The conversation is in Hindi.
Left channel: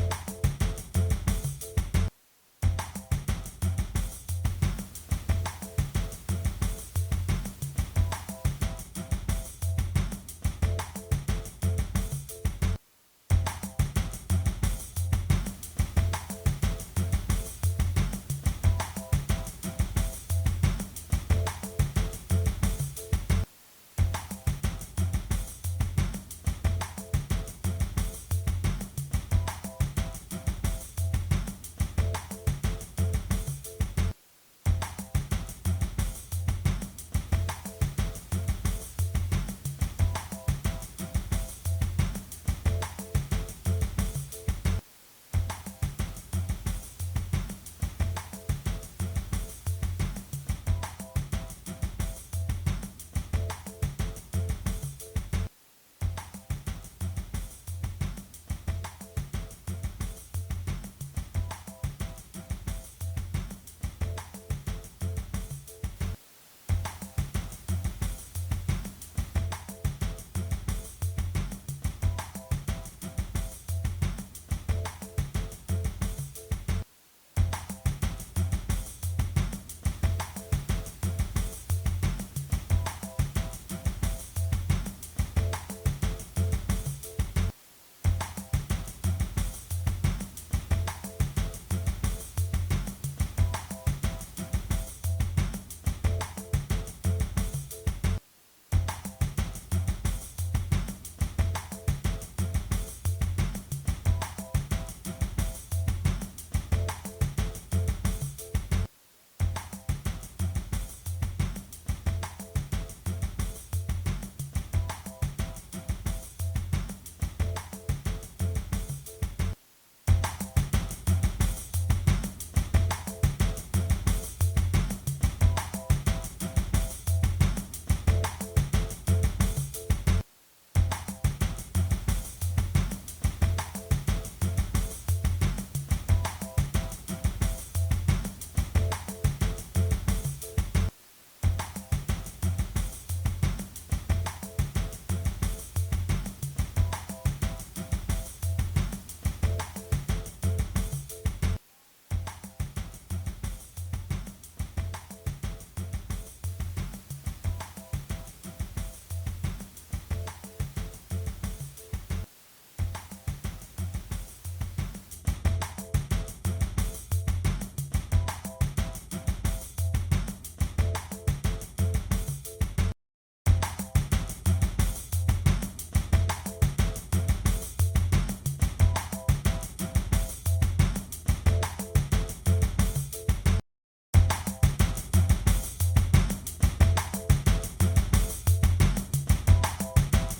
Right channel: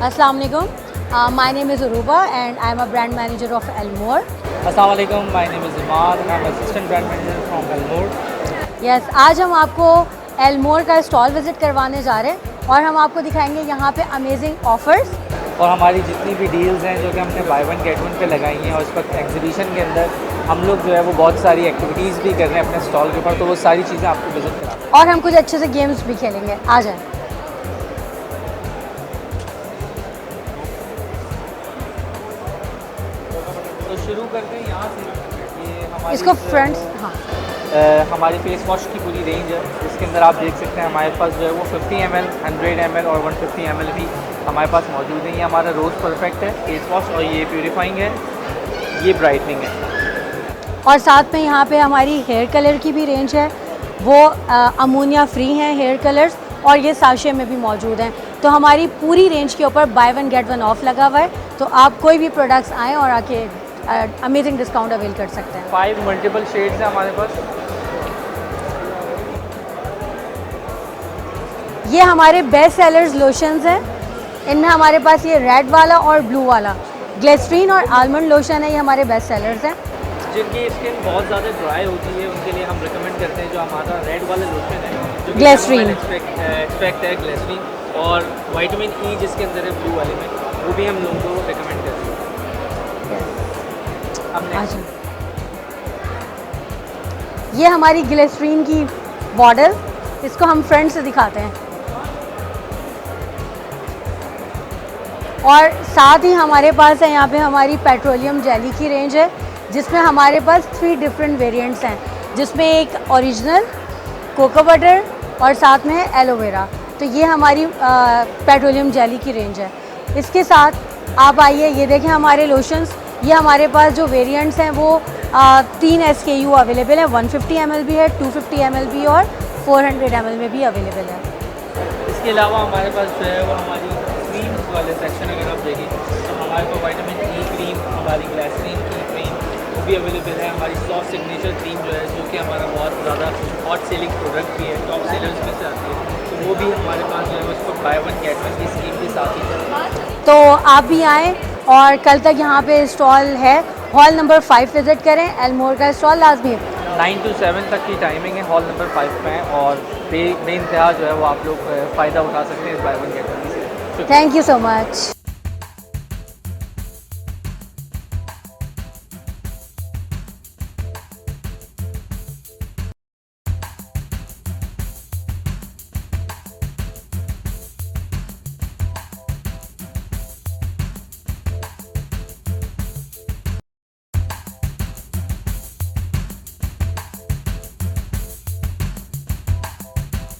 Assalamu alaikum. My name is Uruba and I am a brand manager of Elmore. अस्सलाम वालेकुम, my name is Imad and I'm assistant brand manager from Elmore. Yes, आज हम आपको Elmore का स्टॉल विजिट करवाने जा रहे हैं और हम आपको दिखाएंगे यहाँ पे अमेजिंग ऑफर्स और हमारी जितनी भी डील्स हैं जो कि हमने बाय वन गेट वन पे लगाई हैं और इस वक्त एग्जीबिशन के अंदर हम लोग जो है वो बहुत सारी एक्टिविटीज़ भी कर रहे हैं अपने स्टॉल के ऊपर, तो वो सारी चीज़ें आपको विजिट करा और हम कुछ अच्छे से गेम्स भी खेलेंगे। आ जाएं। तो शुरू करते हैं यहाँ से। ये हमारी इसको फ्रंट्स हाँ हमारी फेस वॉश की पूरी रेंज है, जिसके अंदर आप देख सकते हैं हमारे पास जो है वो 50 ml, 100 ml और 150 ml भी हमारे पास मौजूद है। ये हमारा रोज़ परफेक्ट है फेस वॉश और ये प्यूरीफाइंग है, ये ब्राइटनिंग है। और साथ में यहाँ पे हमारी हेयर कलर की भी रेंज है, वो अमोनिया फ्री हैं हेयर कलर्स और ये साशे में भी मौजूद हैं। तो हमारी पूरी रेंज के ऊपर by one get one of लगा हुआ है, तो आप कोई भी प्रोडक्ट्स आएँ और आके अमेजिंग डिस्काउंट अवेल कर सकते हैं। 5 मल्टीपल शेड्स हैं हमारे पास। ये हमारे बेस्ट सेलर्स लोशंस हैं, इनमें हमारे पास ये रेड वाला और ब्लू वाला ग्लिसरीन और आलमंड लोशन है, ये हमारे बेस्ट सेलर्स हैं। जिनकी स्किन बहुत ज़्यादा ड्राई होती है उनके लिए हम रिकमेंड करते हैं जो हमारा रेड वाला लोशन है, जो ग्लिसरीन एक्सट्रैक्ट है ग्लिसरीन, और विटामिन ई जिसके अंदर है ब्लू वाले में, वो भी हम लोगों को रिकमेंड करते हैं। ये हमारी ग्लिसरीन की बॉटल, इसको हम फ्रंट से दिखाते हैं और साथ ही हमारे पास है यहाँ पे हमारी पेट्रोलियम जेली की रेंज है, जिसमें हमारे पास 3 डिफरेंट वेरिएंट्स हैं, जिसमें एक ओरिजिनल, कोको बटर और साथ में है एलोवेरा। तो ये हमारी पेट्रोलियम जेली की रेंज है। इसके साथ आप आइए, ये देखें हमारे लोशंस, ये हमारे पास जो वेरिएंट्स हैं वो 3 SKU अवेलेबल है, 150 ml भी है, 250 ml भी और 400 ml में भी अवेलेबल है। इसके अलावा हमारे पास जो है वो हमारी क्रीम वाले सेक्शन अगर आप देखें तो हमारे पास विटामिन ई क्रीम, हमारी ग्लिसरीन की क्रीम वो भी अवेलेबल है। हमारी सॉफ्ट सिग्नेचर क्रीम जो है, जो कि हमारा बहुत ज़्यादा हॉट सेलिंग प्रोडक्ट भी है, टॉप सेलर्स में से आती है, तो वो भी हमारे पास जो है उसको बाय वन गेट वन की स्कीम के साथ ही है। तो आप भी आएँ और कल तक यहाँ पे स्टॉल है, हॉल नंबर 5 विज़िट करें, एलमोर का स्टॉल लाजमी। 9 to 7 तक की टाइमिंग है, हॉल नंबर 5 में, और बेइंतहा जो है वो आप लोग फ़ायदा उठा सकते हैं इस बाय वन गेट वन से। Thank you so much.